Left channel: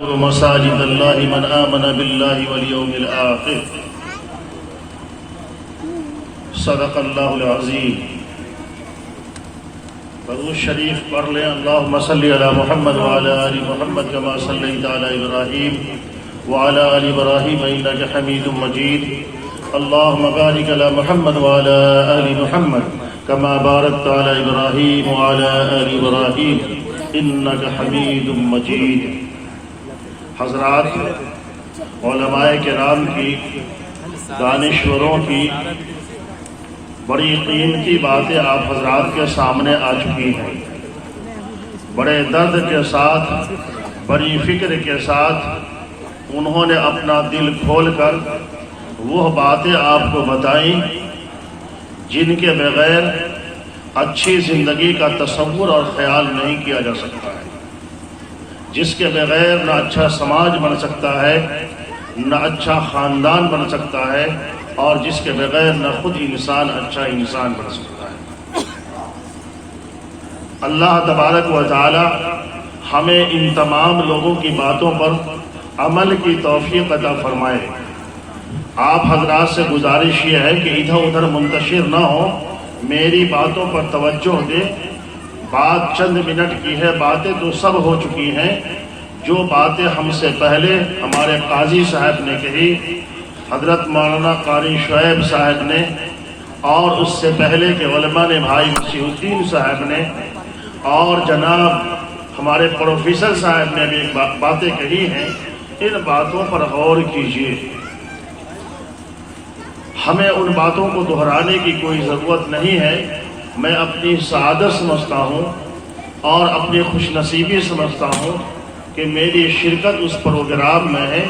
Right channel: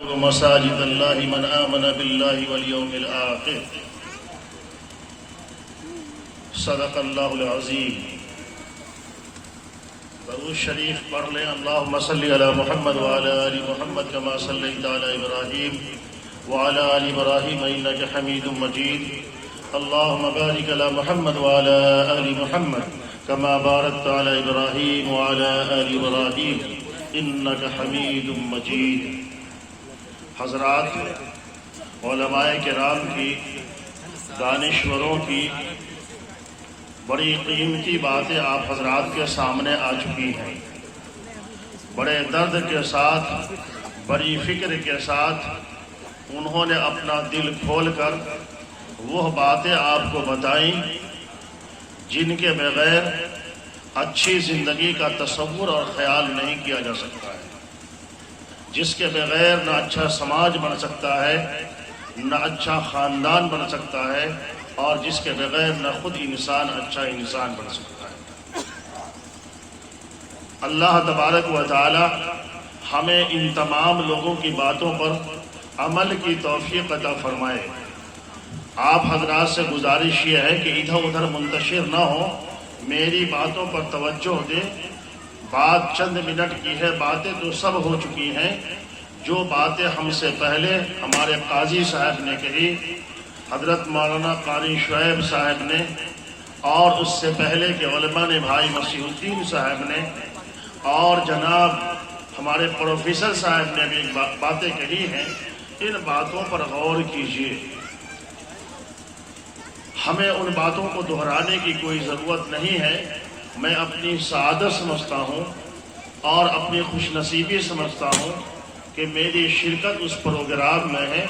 مساجد اللہ من آمن باللہ والیوم الآخر صدق اللہ العظیم۔ درود شریف پڑھ لیں۔ اللہم صلی علی محمد وعلی آل محمد کما صلیت علی ابراہیم وعلی آل ابراہیم انک حمید مجید۔ اللہم بارک علی محمد وعلی آل محمد کما بارکت علی ابراہیم وعلی آل ابراہیم انک حمید مجید۔ حضرات، علماء کرام کی، دانشوروں کی بڑی قیمتی باتیں آپ حضرات کے سامنے آ چکی ہیں۔ بڑے درد کے ساتھ، بڑی فکر کے ساتھ انہوں نے اپنا دل کھول کر وہ باتیں آپ کو بتائیں جن کے بغیر اچھی زندگی کا تصور اور خیال نہیں کیا جا سکتا ہے، جس کے بغیر نہ اچھا سماج بن سکتا ہے، نہ اچھا خاندان بن سکتا ہے، اور جس کے بغیر نہ خود انسان اچھا انسان بن سکتا ہے۔ اللہ تبارک و تعالی ہمیں ان تمام لوگوں کی باتوں پر عمل کی توفیق عطا فرمائے۔ آپ حضرات سے گزارش یہ ہے کہ ادھر ادھر منتشر نہ ہو، میری باتوں پر توجہ دے۔ بات چند منٹ کی ہے، باتیں تو سب ہو چکی ہیں۔ جو باتیں ہم سے پہلے ہمارے قاضی صاحب نے کہی، حضرت مولانا قاری شعیب صاحب نے، اور اس سے پہلے کے علماء نے، بھائی مسیح الدین صاحب نے، اور جناب ہمارے پروفیسر صاحب نے بھی باتیں کہی ہیں، ان باتوں پر غور کیجیے۔ ہمیں ان باتوں کو دہرانے کی کوئی ضرورت نہیں ہے۔ میں اپنی سعادت سمجھتا ہوں اور اپنی خوش نصیبی سمجھتا ہوں کہ میری شرکت اس پروگرام میں ہے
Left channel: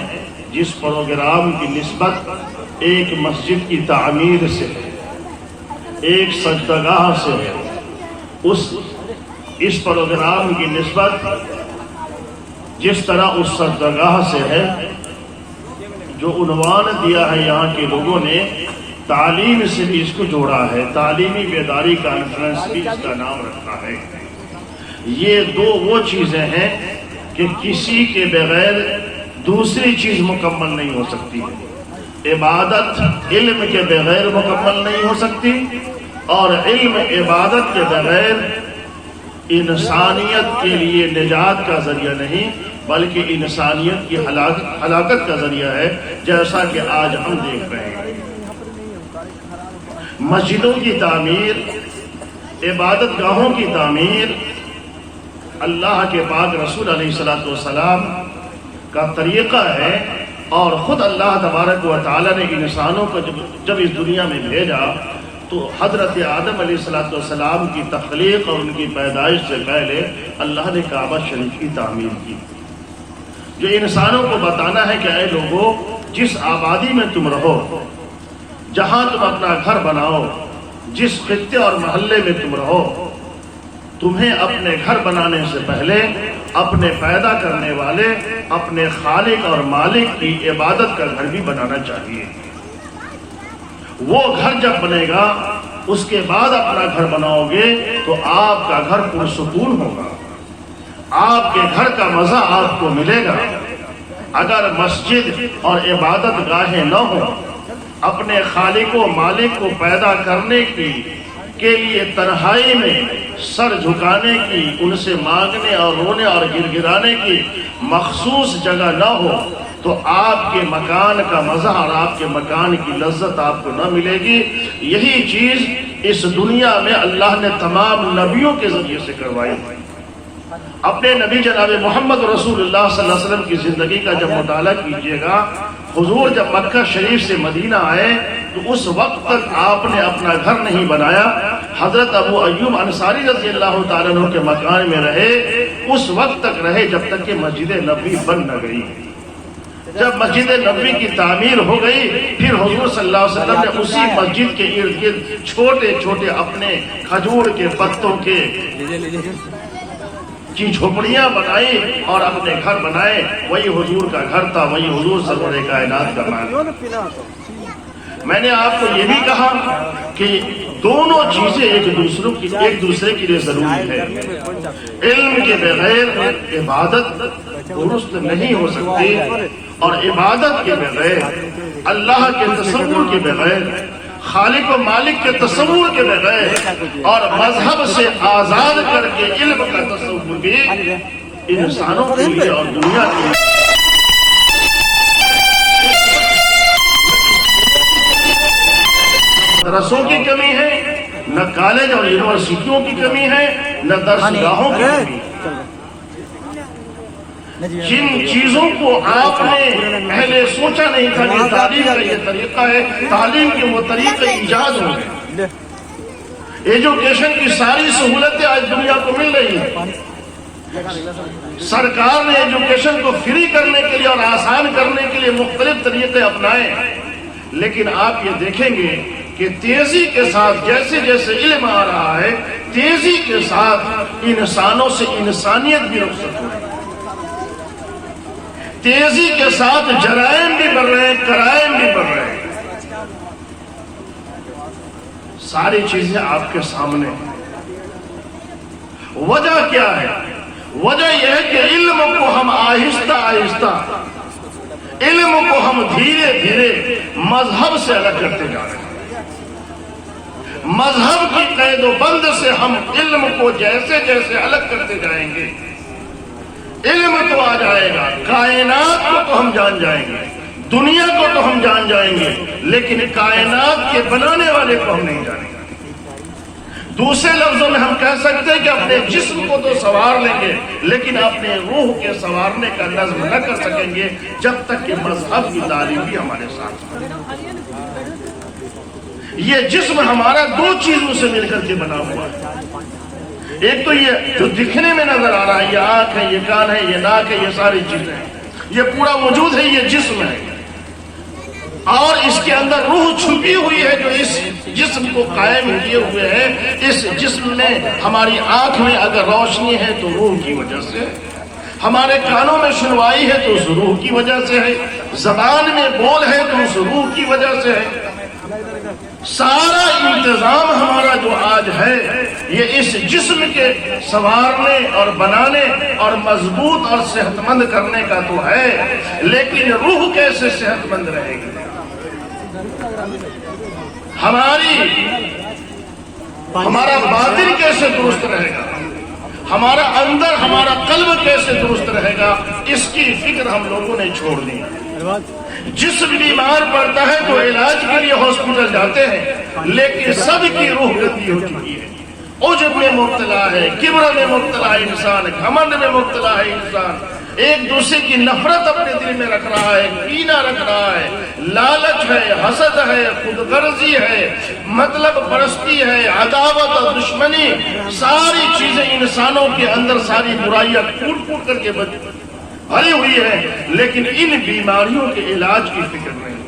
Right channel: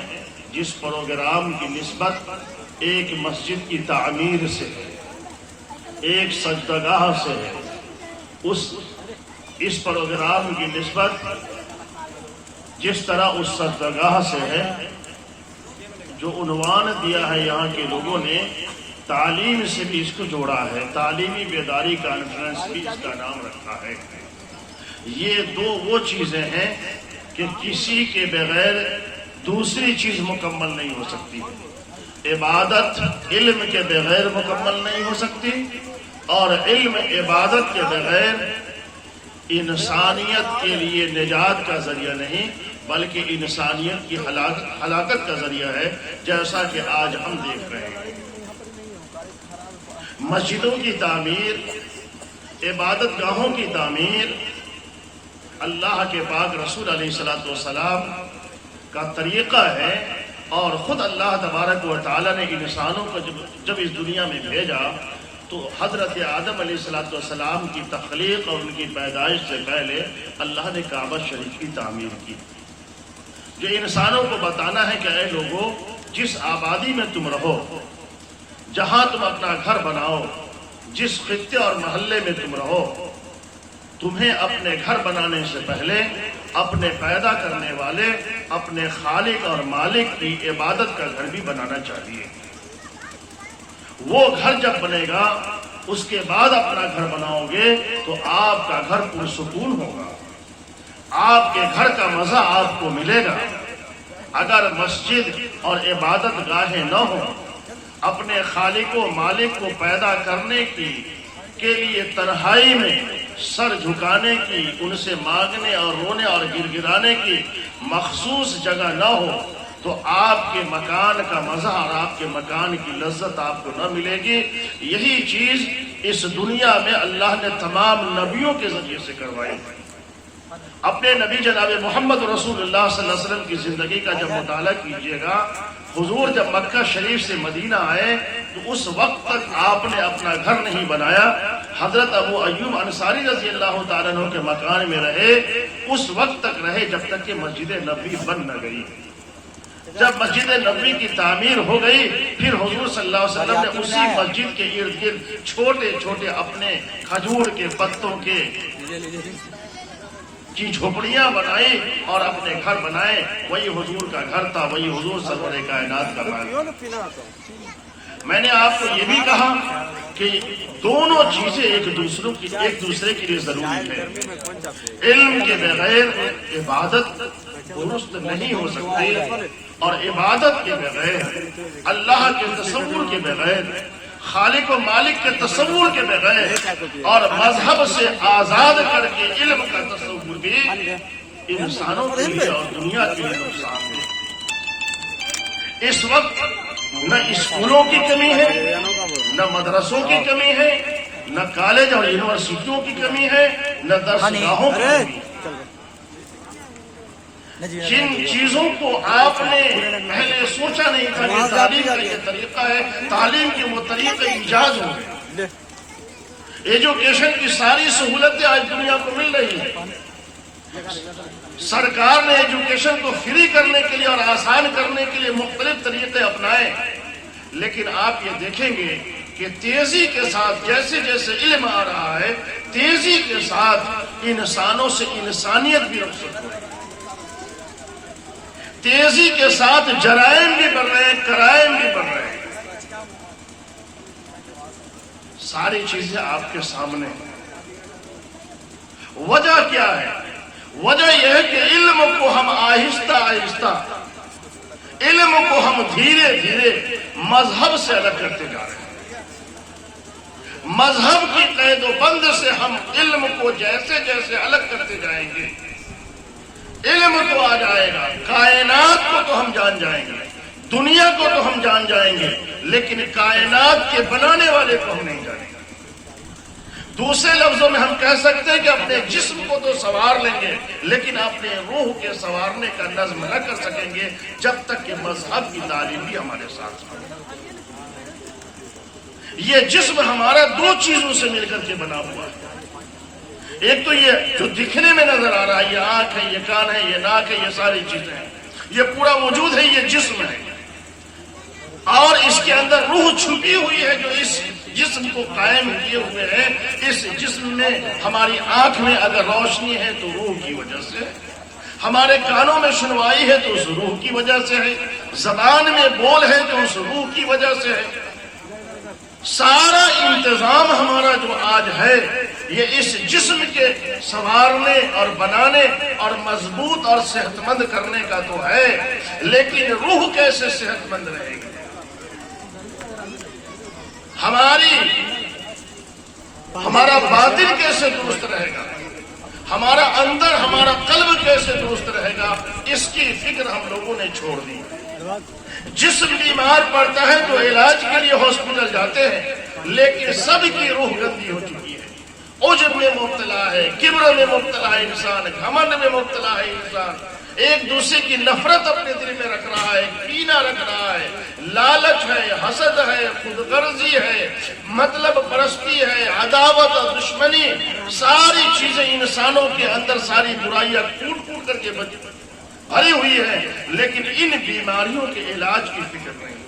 جس پروگرام کی نسبت ایک مسجد کی تعمیر سے ہے، ایک سجدگاہ سے ہے۔ اس پروگرام کی نسبت جس طرح اس سجدگاہ سے ہے، جو عنوان دیا ہے یہاں کے لوگوں نے، تعلیم سے بھی اس کو جوڑا ہے، تعلیمی بیداری کانفرنس بھی اس کا نام رکھا ہے۔ یہ وہ چیزیں ہیں کہ کسی کے بغیر دوسری چیز مکمل نہیں ہو سکتی۔ عبادت علم کے بغیر مکمل نہیں ہو سکتی، اور علم عبادت کے بغیر انسانیت کے لیے نجات کا ذریعہ نہیں بلکہ انسانیت کی ہلاکت کا ذریعہ ہے، جیسا کہ آج ہم دیکھ رہے ہیں۔ مسجدوں کی تعمیر، عبادت گاہوں کی تعمیر اللہ کے پاک رسول علیہ الصلوۃ والسلام کا طریقہ ہے، اور خود اللہ تبارک و تعالی نے انسانوں کو جب اس دنیا میں بھیجا تو حضرت آدم علیہ الصلوۃ والسلام کی تخلیق اور ان کی پیدائش سے پہلے اللہ نے کعبہ شریف کی تعمیر کی، جو انسانوں کو بتانا ہے کہ اے لوگوں، جس آبادی میں تم رہو، جہاں تم اپنا گھر بناؤ، جس خطے اور محلے میں تم رہو، تمہیں اپنے گھر بنانے سے پہلے اپنے پیدا کرنے والے، اپنے خالق اور مالک کی عبادت کا گھر بھی بنانا چاہیے۔ وہ گھر جب بنے گا، اس کے بعد اپنا گھر بناؤ گے تو آپ کا گھر پرسکون ہوگا، آپ کے گھر کا مزہ آپ کو ملے گا۔ اگر مسجد اور عبادت گاہیں نہ ہوں، اپنے خالق و مالک کو پیدا کرنے کے لیے تنہائی میں سر جھکانے کی، ان سے مانگنے اور رونے اور گر گرانے کی مخصوص جگہ نہ ہو تو آپ کے مکان کا مزہ اور آپ کے مکان کی لذت آپ کو نہ ملے گی۔ یہی چیز اس دنیا میں اللہ نے تمام نبیوں کے ذریعے سے کروائی۔ اپنے نبی جناب محمد رسول اللہ صلی اللہ علیہ وسلم کی زندگی کا جب مطالعہ کیجیے گا، حضور جب مکہ شریف سے مدینہ آئے تو اس وقت تک آپ نے اپنا گھر نہیں بنایا۔ حضرت ابو ایوب انصاری رضی اللہ تعالیٰ عنہ کے مکان میں رہے، اس وقت تک رہے جب تک کہ مسجد نبوی بن نہ گئی۔ جب مسجد نبوی کی تعمیر ہو گئی، پھر حضور صلی اللہ علیہ وسلم نے اسی مسجد کے ارد گرد چھوٹے چھوٹے اپنے کھجور کے پتوں کی جھوپڑیاں بنائی اور اپنے گھر بنائے۔ وہی حضور کا گھر تھا، وہی حضور سرور کائنات کا گھر۔ میں نے آپ کو یہ بھی کہا کہ دونوں چیزیں ایک دوسرے کے لیے ضروری ہے. علم کے بغیر عبادت درست نہیں ہو سکتی، اور عبادت کے بغیر، اللہ کے تصور کے بغیر، خالق و مالک کے تصور کے بغیر، اور مذہب سے آزاد کر کے علم کا تصور بھی انسانوں کے لیے اور دنیا کے لیے اس وقت نہ اسکولوں کی کمی ہے، نہ مدرسوں کی کمی ہے، نہ کالج اور یونیورسٹیوں کی کمی ہے، نہ درسگاہوں کی کمی ہے. جن چیزوں کو آپ نے پہلے سوچا نہیں تھا کہ تعلیم کا یہ طریقہ ہے، تعلیم کے وہ طریقے ایجاد ہو گئے. ایجوکیشن کی ساری سہولتیں آج دنیا کو مل رہی ہیں. سرکار نے ایجوکیشن کو فری کرنے کے لیے اور آسان کرنے کے لیے مختلف طریقے اپنائے، لیکن آپ یہ دیکھیں گے کہ تیزی کے ساتھ جیسے جیسے علم آ رہا ہے، تیزی کے ساتھ انسانوں سے انسانیت بھی رخصت ہو رہی ہے. تیزی کے ساتھ جرائم بھی بڑھ رہے ہیں، کرائم بھی بڑھ رہے ہیں. ساری چیزیں آپ کے سامنے ہیں. وجہ کیا ہے؟ وجہ یہ ہے کہ علم کو ہم آہستہ آہستہ، علم کو ہم دھیرے دھیرے مذہب سے الگ کرتے جا رہے ہیں. مذہب کی قید و بند سے ہم علم کو جیسے جیسے الگ کرتے جائیں گے، علم تو آ جائے گا، کائنات کو تو ہم جان جائیں گے، دنیا کو تو ہم جان جائیں گے، لیکن کائنات کے بنانے والے کو ہم نہیں جانیں گے. دوسرے لفظوں میں ہم کہہ سکتے ہیں کہ اپنے جسم کو تو سوار لیں گے، لیکن اپنے روح کے سوارنے کا نظم نہ کر سکیں گے جب تک کہ مذہب کی تعلیم بھی ہمارے ساتھ. یہ جسم ہمارا دو چیزوں سے مل کر کے بنا ہوا ہے. ایک تو یہ جو دکھنے میں نظر آ رہا ہے، یہ آنکھ ہے، یہ کان ہے، یہ ناک ہے، یہ ساری چیزیں ہیں، یہ پورا وجود ہے، یہ جسم ہے. اور اس کے اندر روح چھپی ہوئی ہے جو اس جسم کو قائم کیے ہوئے ہے. اس جسم میں ہماری آنکھ میں اگر روشنی ہے تو روح کی وجہ سے، ہمارے کانوں میں سنوائی ہے تو اس روح کی وجہ سے ہے، زبان میں بول ہے تو اس روح کی وجہ سے ہے. سارا انتظام ہمارا جو آج ہے یہ اس جسم کے سنوارنے اور بنانے اور مضبوط اور صحت مند کرنے کا تو ہے، لیکن روح کیسے صحت مند رہے گی؟ ہمارا باطن کیسے درست رہے گا؟ ہمارا اندر، ہمارا قلب کیسے درست رہے گا؟ اس کی فکر ہم لوگوں نے چھوڑ دی. جسم بیمار پڑتا ہے تو علاج کے لیے ہاسپٹل جاتے ہیں، لیکن سب کی روح گندی ہو چکی ہے. عجب میں مبتلا ہے، کبر میں مبتلا ہے انسان، گھمنڈ میں مبتلا ہے انسان، ایک دوسرے کی نفرت اپنے دل میں رکھ رہا ہے، کینہ رکھ رہا ہے، لالچ ہے، حسد ہے، خود غرضی ہے، مطلب پرستی ہے، عداوت اور دشمنی، ساری چیزیں انسانوں کے اندر، ساری برائیاں ٹوٹ ٹوٹ کر کے بھری ہوئی ہے. لیکن ان بیماریوں کے علاج کی فکر نہیں.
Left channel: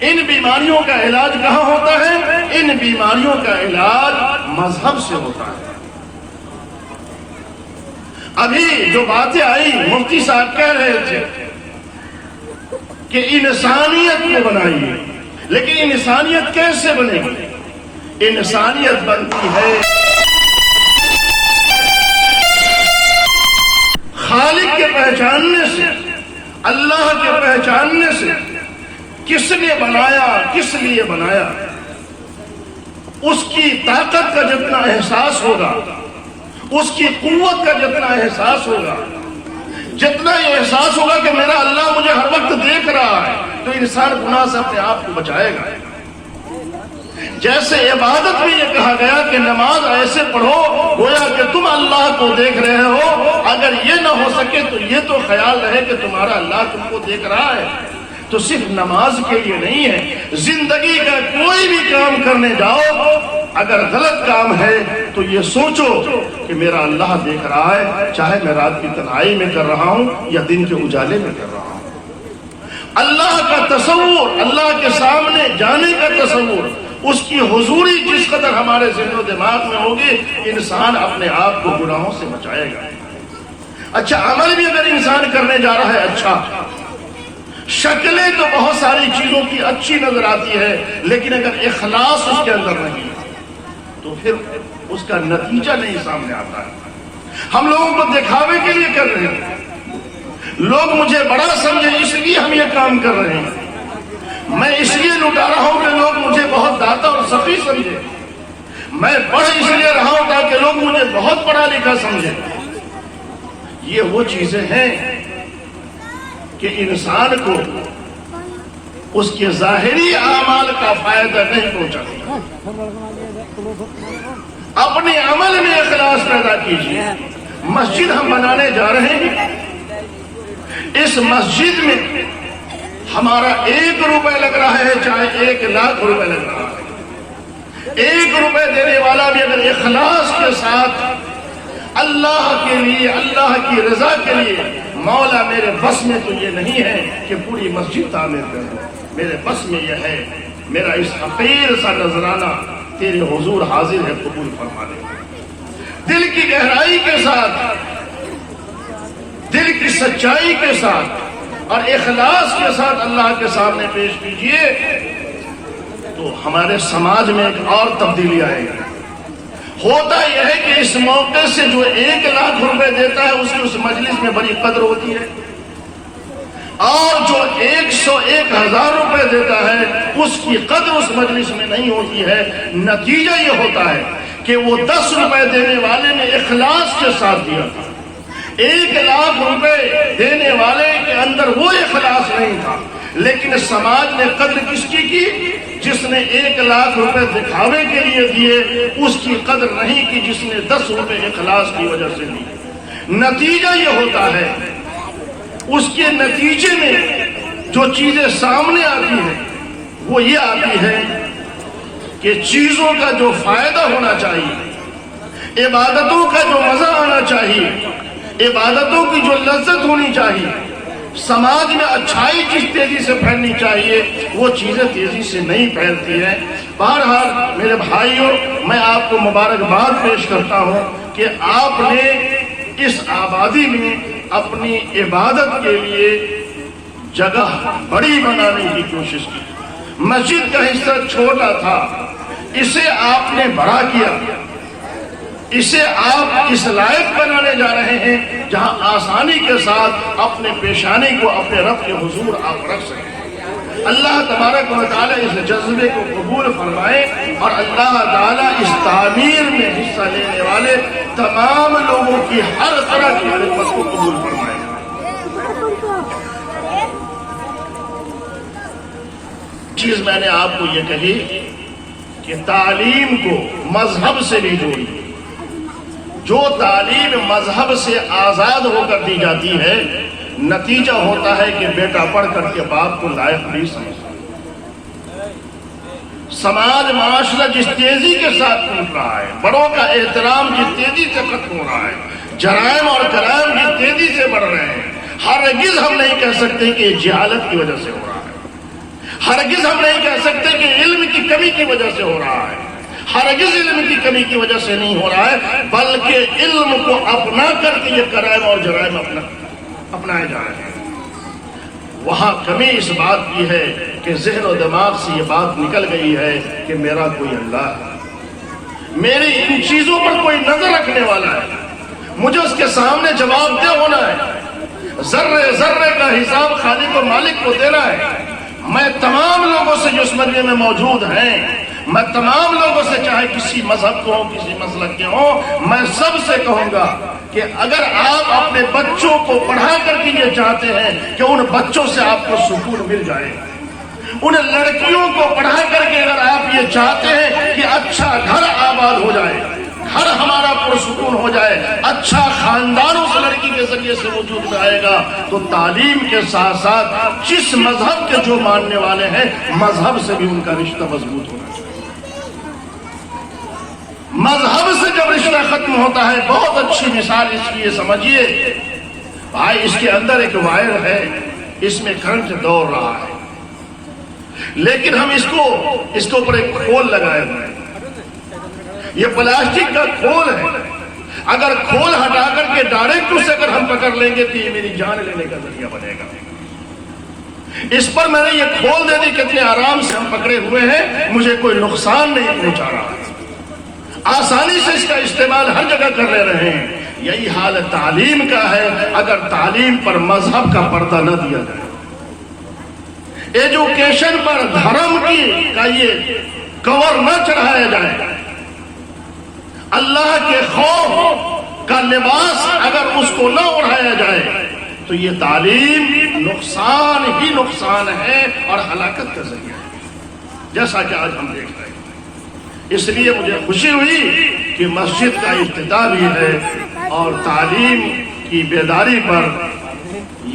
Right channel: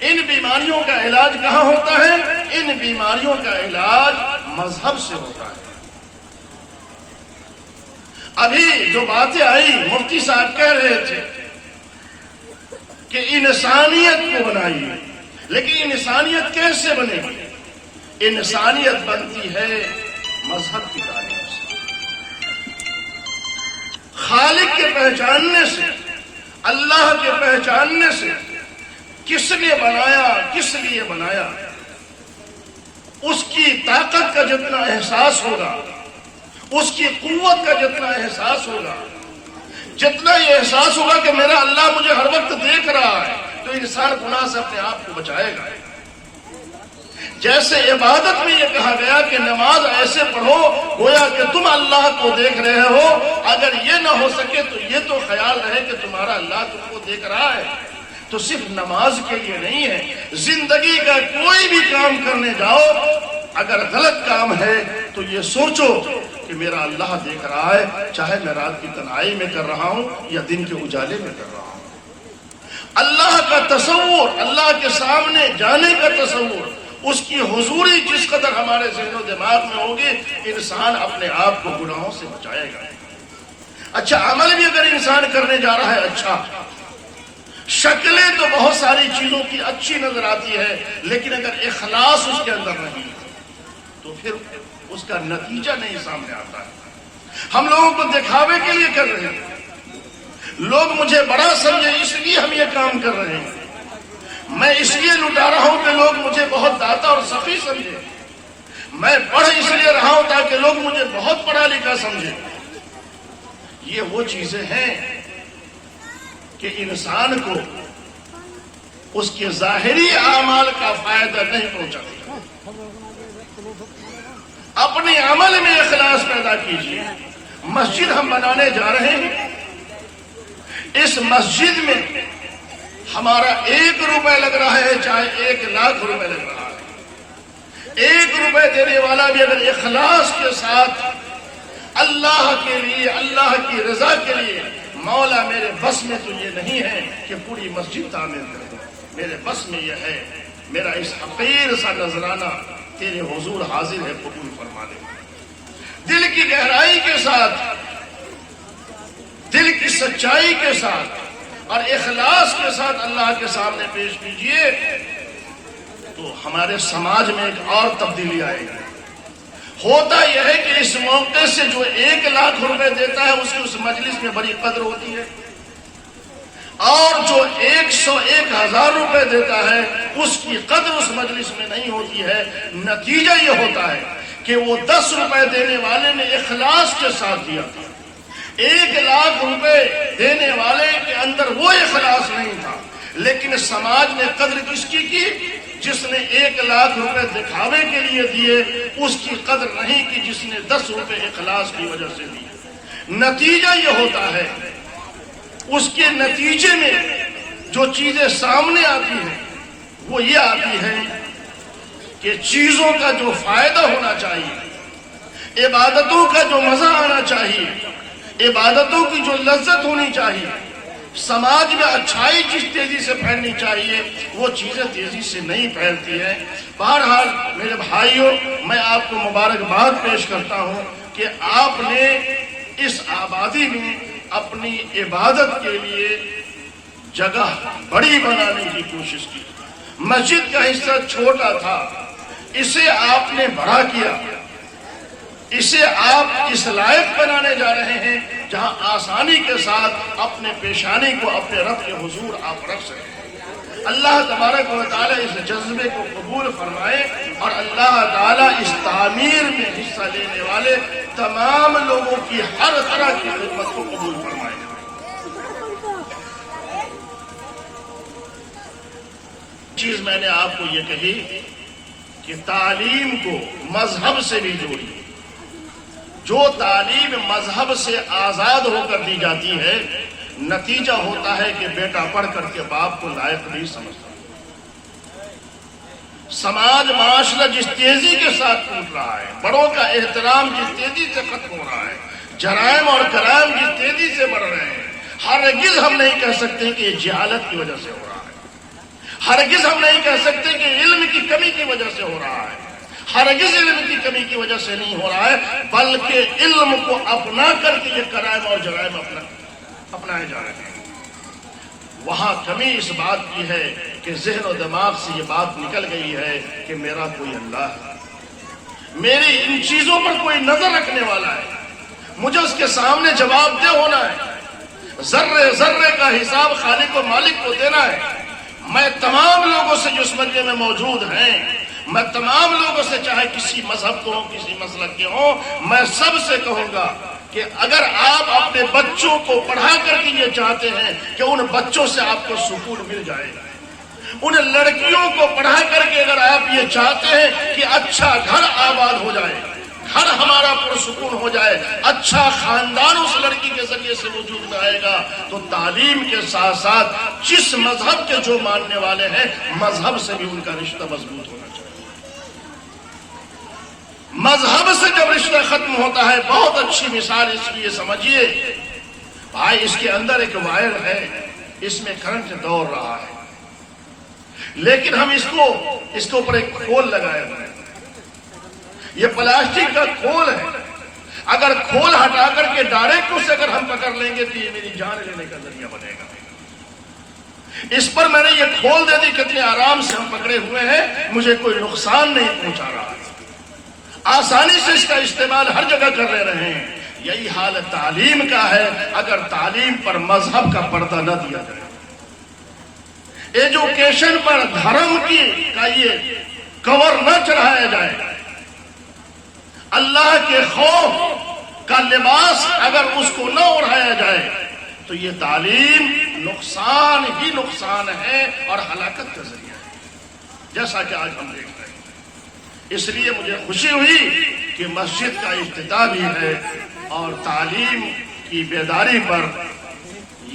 ان بیماریوں کا علاج کہاں ہوتا ہے؟ ان بیماریوں کا علاج مذہب سے ہوتا ہے. ابھی جو باتیں آئی مفتی صاحب کہہ رہے تھے کہ انسانیت کو بنائیے، لیکن انسانیت کیسے بنے گی؟ انسانیت بنتی ہے خالق کے پہچاننے سے، اللہ کے پہچاننے سے. کس نے بنایا، کس لیے بنایا، اس کی طاقت کا جتنا احساس ہوگا، اس کی قوت کا جتنا احساس ہوگا، جتنا یہ احساس ہوگا کہ میرا اللہ مجھے ہر وقت دیکھ رہا ہے، تو انسان گناہ سے اپنے آپ کو بچائے گا. جیسے عبادت میں یہ کہا گیا کہ نماز ایسے پڑھو گویا کہ تم اللہ کو دیکھ رہے ہو. اگر یہ نہ ہو سکے تو یہ تو خیال رہے کہ تمہارا اللہ تم کو دیکھ رہا ہے. تو صرف نماز کے لیے نہیں ہے، زندگی کا کوئی بھی کام کرنے جاؤ، اگر غلط کام ہے تو یہ سوچو کہ میرا اللہ دیکھ رہا ہے، چاہے میں رات کی تنہائی میں کر رہا ہوں یا دن کے اجالے میں کر رہا ہوں. اللہ کا تصور، اللہ کے سامنے جانے کا تصور، اس کی حضوری جس قدر ہمارے ذہن و دماغ میں ہوگی، انسان اپنے آپ کو گناہوں سے بچائے گا. اچھا عمل بھی اگر انسان کرنے جا رہا ہے، اچھا شکلیں تو بہت ساری چیزوں کی اچھی نظر آتی ہے، لیکن اگر اخلاص اس کے اندر نہیں تو پھر اس کا نتیجہ نہیں سامنے آتا ہے۔ ہم لوگوں کو دکھاوے کے لیے کر رہے ہیں، لوگ مجھے بڑا سمجھے اس لیے ہم یہ کام کر رہے ہیں، میں اس لیے لٹا رہا ہوں کہ لوگ مجھے بہت داتا اور سخی سمجھے، میں پڑھ اس لیے رہا ہوں تاکہ لوگ مجھے بہت پڑھا لکھا سمجھے۔ یہ وہ چیزیں ہیں کہ انسان کو اس کے ظاہری اعمال کا فائدہ نہیں پہنچاتی۔ اپنے عمل میں اخلاص پیدا کیجیے۔ مسجد ہم بنانے جا رہے ہیں، اس مسجد میں ہمارا 1 روپے لگ رہا ہے چاہے 1 لاکھ روپے لگ رہا ہے، 1 روپے دینے والا بھی اگر اخلاص کے ساتھ اللہ کے لیے، اللہ کی رضا کے لیے، مولا میرے بس میں تو یہ نہیں ہے کہ پوری مسجد تعمیر کر دوں، میرے بس میں یہ ہے میرا اس حقیر سا نذرانہ تیرے حضور حاضر ہے، قبول فرما لے۔ دل کی گہرائی کے ساتھ، دل کی سچائی کے ساتھ اور اخلاص کے ساتھ اللہ کے سامنے پیش کیجئے تو ہمارے سماج میں ایک اور تبدیلی آئے گی۔ ہوتا یہ ہے کہ اس موقع سے جو 1 لاکھ روپے دیتا ہے اسے اس مجلس میں بڑی قدر ہوتی ہے، اور جو 101,000 روپے دیتا ہے اس کی قدر اس مجلس میں نہیں ہوتی ہے۔ نتیجہ یہ ہوتا ہے کہ وہ 10 روپے دینے والے نے اخلاص کے ساتھ دیا، 1 لاکھ روپے دینے والے کے اندر وہ اخلاص نہیں تھا، لیکن سماج نے قدر کس کی؟ جس نے 1 لاکھ روپے دکھاوے کے لیے دیے، اس کی قدر نہیں کی جس نے 10 روپے اخلاص کی وجہ سے دی۔ نتیجہ یہ ہوتا ہے، اس کے نتیجے میں جو چیزیں سامنے آتی ہیں وہ یہ آتی ہے کہ چیزوں کا جو فائدہ ہونا چاہیے، عبادتوں کا جو مزہ آنا چاہیے، عبادتوں کی جو لذت ہونی چاہیے، سماج میں اچھائی جس تیزی سے پھیلنی چاہیے وہ چیزیں تیزی سے نہیں پھیلتی ہیں۔ بہرحال میرے بھائیوں، میں آپ کو مبارکباد پیش کرتا ہوں کہ آپ نے اس آبادی میں اپنی عبادت کے لیے جگہ بڑی بنانے کی کوشش کی۔ مسجد کا حصہ چھوٹا تھا، اسے آپ نے بڑا کیا، اسے آپ اس لائق بنانے جا رہے ہیں جہاں آسانی کے ساتھ اپنے پیشانی کو اپنے رب کے حضور آپ رکھ سکیں۔ اللہ تبارک و تعالیٰ اس جذبے کو قبول فرمائے اور اللہ تعالیٰ اس تعمیر میں حصہ لینے والے تمام لوگوں کی ہر طرح کی خدمت کو قبول فرمائے۔ چیز میں نے آپ کو یہ کہی کہ تعلیم کو مذہب سے بھی جوڑی۔ جو تعلیم مذہب سے آزاد ہو کر دی جاتی ہے، نتیجہ ہوتا ہے کہ بیٹا پڑھ کر کے باپ کو لائق نہیں سمجھتا۔ سماج معاشرہ جس تیزی کے ساتھ ٹوٹ رہا ہے، بڑوں کا احترام جس تیزی سے ختم ہو رہا ہے، جرائم اور کرائم جس تیزی سے بڑھ رہے ہیں، ہرگز ہم نہیں کہہ سکتے کہ یہ جہالت کی وجہ سے ہو رہا ہے، ہرگز ہم نہیں کہہ سکتے کہ علم کی کمی کی وجہ سے ہو رہا ہے، ہرگز علم کی کمی کی وجہ سے نہیں ہو رہا ہے، بلکہ علم کو اپنا کر کے یہ کرائم اور جرائم اپنائے جا رہے ہیں۔ وہاں کمی اس بات کی ہے کہ ذہن و دماغ سے یہ بات نکل گئی ہے کہ میرا کوئی اللہ ہے، میری ان چیزوں پر کوئی نظر رکھنے والا ہے، مجھے اس کے سامنے جواب دہ ہونا ہے، ذرے ذرے کا حساب خالق و مالک کو دینا ہے۔ میں تمام لوگوں سے جو اس مجمع میں موجود ہیں، میں تمام لوگوں سے، چاہے کسی مذہب کو ہوں، کسی مسلک کے ہوں، میں سب سے کہوں گا کہ اگر آپ اپنے بچوں کو پڑھا کر کے یہ چاہتے ہیں کہ ان بچوں سے آپ کو سکون مل جائے، ان لڑکیوں کو پڑھا کر کے اگر آپ یہ چاہتے ہیں کہ اچھا گھر آباد ہو جائے، گھر ہمارا پرسکون ہو جائے، اچھا خاندان اس لڑکی کے ذریعے سے وجود میں آئے گا، تو تعلیم کے ساتھ ساتھ جس مذہب کے جو ماننے والے ہیں، مذہب سے بھی ان کا رشتہ مضبوط ہونا چاہیے۔ مذہب سے جب رشتہ ختم ہوتا ہے، بہت اچھی مثال اس لیے سمجھیے بھائی، اس کے اندر ایک وائر ہے، اس میں کرنٹ دوڑ رہا ہے، لیکن ہم اس کے اوپر ایک کھول لگائے ہوئے ہیں، یہ پلاسٹک کا کھول ہے، اگر کھول ہٹا کر کے ڈائریکٹ اسے اگر ہم پکڑ لیں گے تو یہ میری جان لینے کا ذریعہ بنے گا۔ اس پر میں نے یہ کھول دے دی کہ اتنے آرام سے ہم پکڑے ہوئے ہیں، مجھے کوئی نقصان نہیں پہنچا رہا، آسانی سے اس کا استعمال ہر جگہ کر لے رہے ہیں۔ یہی حال تعلیم کا ہے اگر تعلیم پر مذہب کا پردہ نہ دیا جائے، ایجوکیشن پر دھرم کا یہ کور نہ چڑھایا جائے، اللہ کے خوف کا لباس اگر اس کو نہ اڑھایا جائے تو یہ تعلیم نقصان ہی نقصان ہے اور ہلاکت کا ذریعہ ہے، جیسا کہ آج ہم دیکھ رہے ہیں۔ اس لیے مجھے خوشی ہوئی کہ مسجد کا افتتاح بھی ہے اور تعلیم کی بیداری پر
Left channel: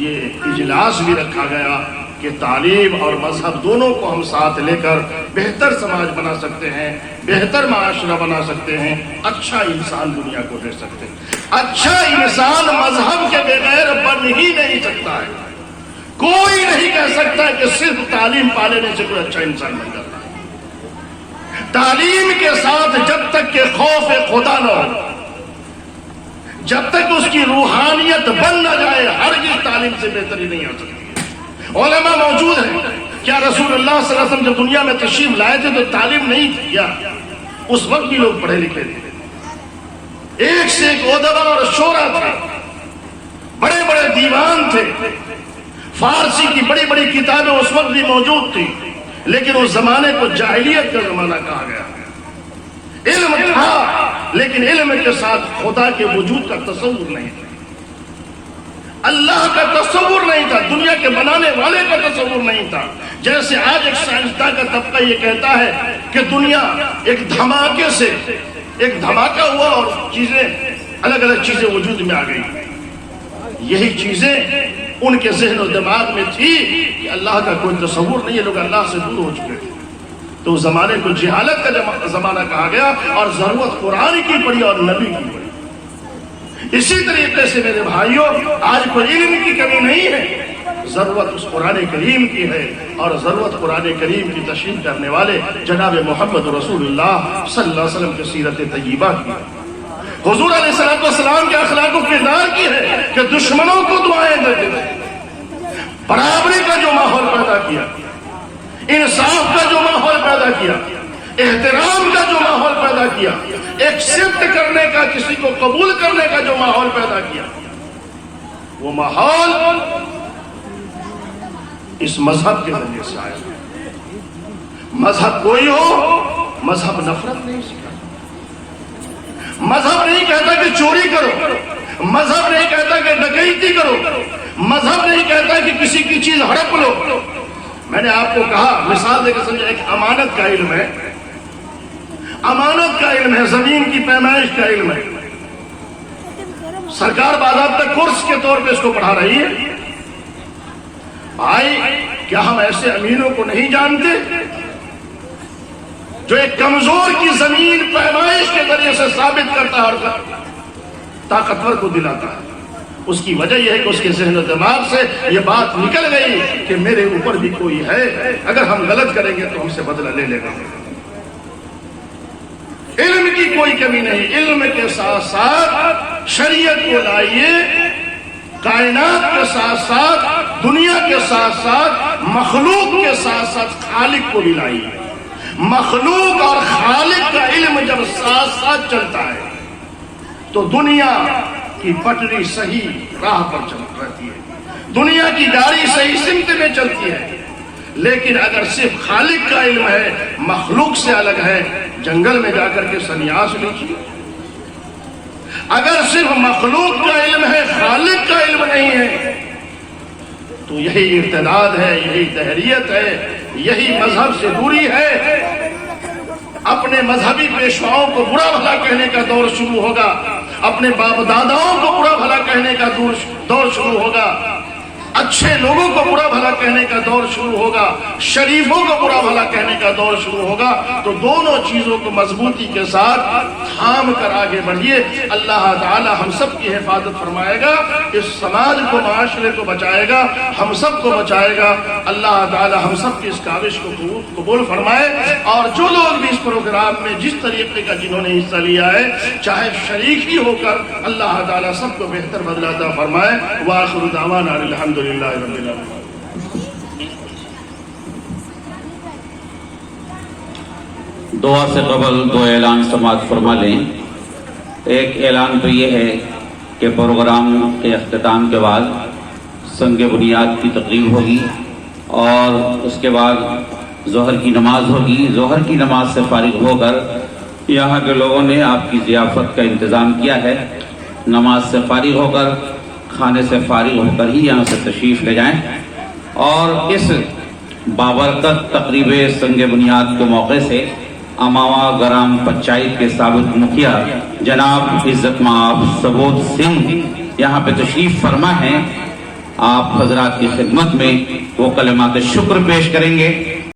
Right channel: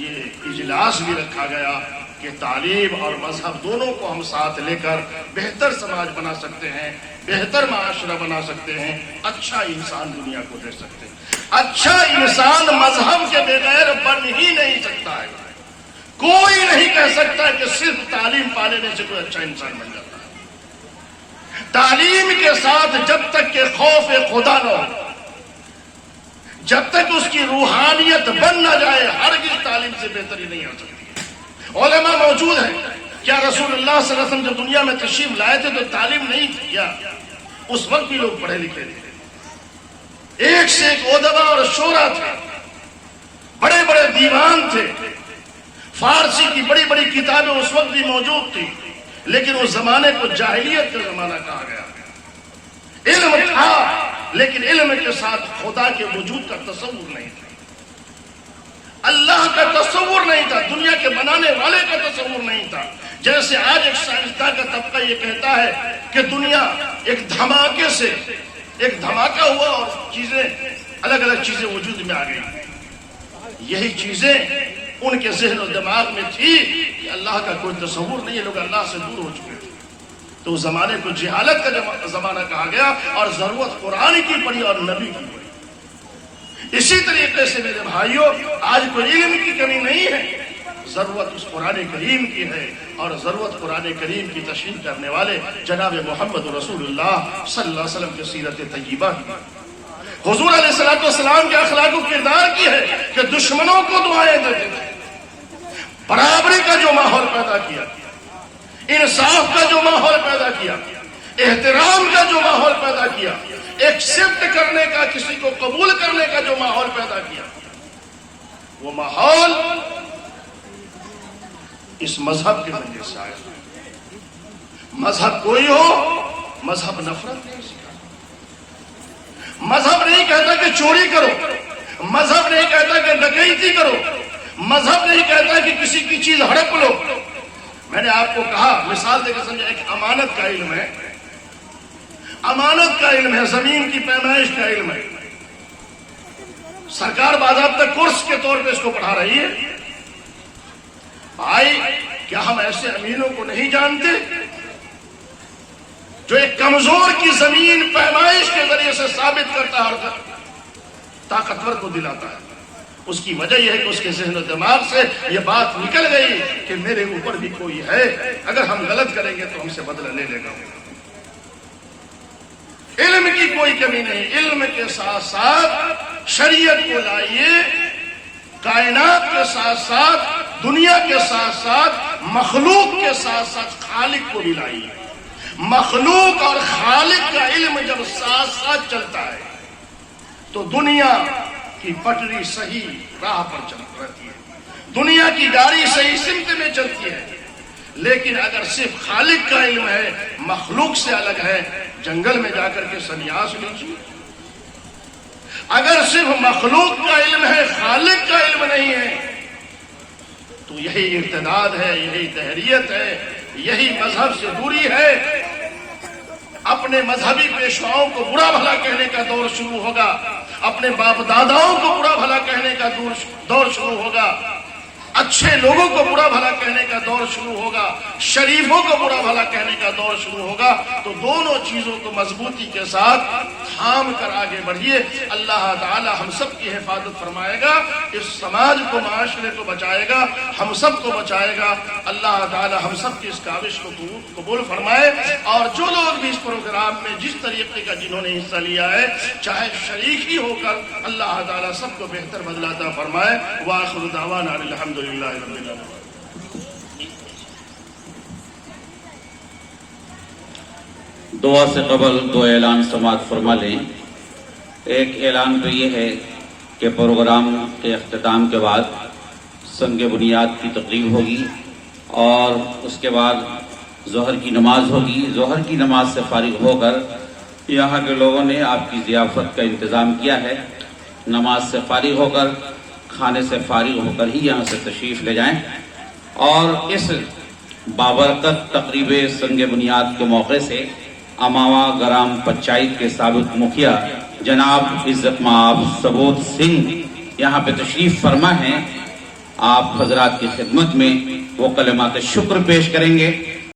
یہ اجلاس بھی رکھا گیا کہ تعلیم اور مذہب دونوں کو ہم ساتھ لے کر بہتر سماج بنا سکتے ہیں، بہتر معاشرہ بنا سکتے ہیں، اچھا انسان دنیا کو دے سکتے ہیں۔ اچھا انسان مذہب کے بغیر بن ہی نہیں سکتا ہے، کوئی نہیں کہہ سکتا کہ صرف تعلیم پا لینے سے کوئی اچھا انسان بن جاتا ہے۔ تعلیم کے ساتھ جب تک کہ خوف خدا نہ ہو، جب تک اس کی روحانیت بن نہ جائے، ہرگز تعلیم سے بہتری نہیں آ سکتی۔ علماء موجود ہیں، کیا رسول اللہ صلی اللہ علیہ وسلم جب دنیا میں تشریف لائے تھے تو تعلیم نہیں تھی کیا؟ اس وقت بھی لوگ پڑھے لکھے تھے، ایک سے ایک ادبا اور شعرا تھے، بڑے بڑے دیوان تھے، فارسی کی بڑی بڑی کتابیں اس وقت بھی موجود تھی، لیکن اس زمانے کو جاہلیت کا زمانہ کہا گیا۔ علم تھا لیکن علم کے ساتھ خدا کے وجود کا تصور نہیں تھا، اللہ کا تصور نہیں تھا، دنیا کے بنانے والے کا تصور نہیں تھا۔ جیسے آج ایک سائنسداں کا طبقہ یہ کہتا ہے کہ دنیا ایک دھماکے سے ایک دھماکہ ہوا اور چیزیں الگ الگ چیزیں وجود میں آ گئی، یہی چیزیں ان کے ذہن و دماغ میں تھی کہ اللہ کا کوئی تصور نہیں ہے، لوگ اللہ سے دور ہو چکے تھے۔ تو اس زمانے کو جہالت کا زمانہ کہا گیا اور ضرورت قرآن کی پڑی اور نبی کی پڑی۔ اسی طریقے سے میرے بھائیوں، آج کوئی علم کی کمی نہیں ہے، ضرورت اس قرآن کریم کی ہے، اور ضرورت قرآن کریم کی تشریح کرنے والے جناب محمد رسول اللہ صلی اللہ علیہ وسلم کی سیرت طیبہ کی، حضور علیہ السلام کے اخلاق و کردار کی ہے کہ دشمنوں کو دعائیں دیتے تھے، برابری کا جو ماحول پیدا کیا، انصاف کا جو ماحول پیدا کیا، احترام کا جو ماحول پیدا کیا، ایکسپٹ کرنے کا، کسی کو قبول کرنے کا جو ماحول پیدا کیا، وہ ماحول اس مذہب کے ذریعے سے آیا۔ مذہب کوئی ہو، مذہب نفرت نہیں سکھاتا، مذہب نہیں کہتا کہ چوری کرو، مذہب نہیں کہتا کہ ڈکیتی کرو، مذہب نہیں کہتا کہ کسی کی چیز ہڑپ لو۔ میں نے آپ کو کہا، مثال دے کے سمجھا، ایک امانت کا علم ہے، امانت کا علم ہے، زمین کی پیمائش کا علم ہے، سرکار باضابطہ کورس کے طور پہ اس کو پڑھا رہی ہے۔ بھائی، کیا ہم ایسے امینوں کو نہیں جانتے جو ایک کمزور کی زمین پیمائش کے ذریعے سے ثابت کرتا ہے اور طاقتور کو دلاتا ہے؟ اس کی وجہ یہ ہے کہ اس کے ذہن و دماغ سے یہ بات نکل گئی کہ میرے اوپر بھی کوئی ہے، اگر ہم غلط کریں گے تو ہم سے بدلہ لے لے گا۔ علم کی کوئی کمی نہیں، علم کے ساتھ ساتھ شریعت کو لائیے، کائنات کے ساتھ ساتھ، دنیا کے ساتھ ساتھ، مخلوق کے ساتھ ساتھ خالق کو بھی لائیے۔ مخلوق اور خالق کا علم جب ساتھ ساتھ چلتا ہے تو دنیا کی پٹری صحیح راہ پر چل رہتی ہے، دنیا کی گاڑی صحیح سمت میں چلتی ہے۔ لیکن اگر صرف خالق کا علم ہے، مخلوق سے الگ ہے، جنگل میں جا کر کے سنیاس لیجیے۔ اگر صرف مخلوق کا علم ہے، خالق کا علم نہیں ہے، تو یہی ارتداد ہے، یہی تحریت ہے، یہی مذہب سے دوری ہے۔ اپنے مذہبی پیشواؤں کو برا بھلا کہنے کا دور شروع ہوگا، اپنے باپ داداؤں کو برا بھلا کہنے کا دور شروع ہوگا، اچھے لوگوں کو برا بھلا کہنے کا دور شروع ہوگا، شریفوں کو برا بھلا کہنے کا دور شروع ہوگا۔ تو دونوں چیزوں کو مضبوطی کے ساتھ تھام کر آگے بڑھیے، اللہ تعالی ہم سب کی حفاظت فرمائے گا، اس سماج کو، معاشرے کو بچائے گا، ہم سب کو بچائے گا۔ اللہ تعالی ہم سب کی اس کاوش کو قبول فرمائے، اور جو لوگ بھی اس پروگرام میں جس طریقے کا جنہوں نے حصہ لیا ہے، چاہے شریک ہی ہو کر، اللہ تعالی سب کو بہتر بدلہ عطا فرمائے۔ وآخر دعوانا الحمدللہ رب العالمین۔ دعا سے قبل دو اعلان سماعت فرما لیں۔ ایک اعلان تو یہ ہے کہ پروگرام کے اختتام کے بعد سنگ بنیاد کی تقریب ہوگی اور اس کے بعد ظہر کی نماز ہوگی۔ ظہر کی نماز سے فارغ ہو کر یہاں کے لوگوں نے آپ کی ضیافت کا انتظام کیا ہے۔ نماز سے فارغ ہو کر، کھانے سے فارغ ہو کر ہی یہاں سے تشریف لے جائیں اور اس بابرکت تقریب سنگ بنیاد کے موقع سے اماوا گرام پنچایت کے سابق مکھیا جناب عزت مآب سبود سنگھ یہاں پہ تشریف فرما ہیں۔ آپ حضرات کی خدمت میں وہ کلمات شکر پیش کریں گے